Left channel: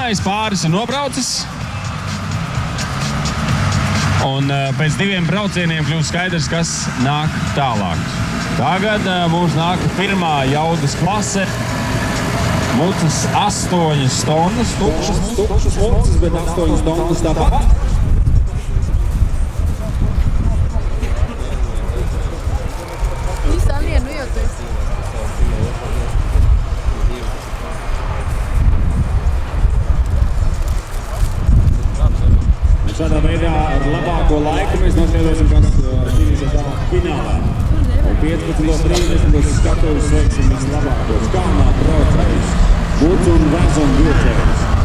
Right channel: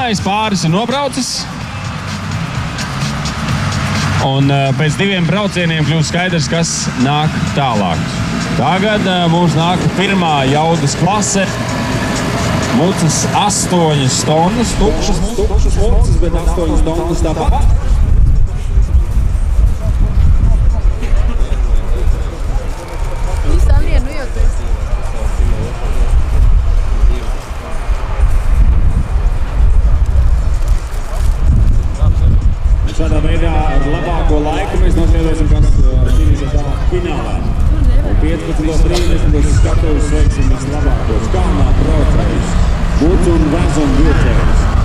Pāris ir nobraucis. Un pēc 2 braucieniem kļūst skaidrs, kas nāk tālāk. Tagad mums nāk pirmā jaudas klase. Mucas 8 stundas, tukšas mucas, bet 8 stundas tāpat. Šādā veidā ar labāko laiku mēs noskaidrosim, kas cīnīsies tālāk finālā. Un 15.30 skatuves sveiksim vislabākos kalnā braucējus, mucu un vezonu vilcējus.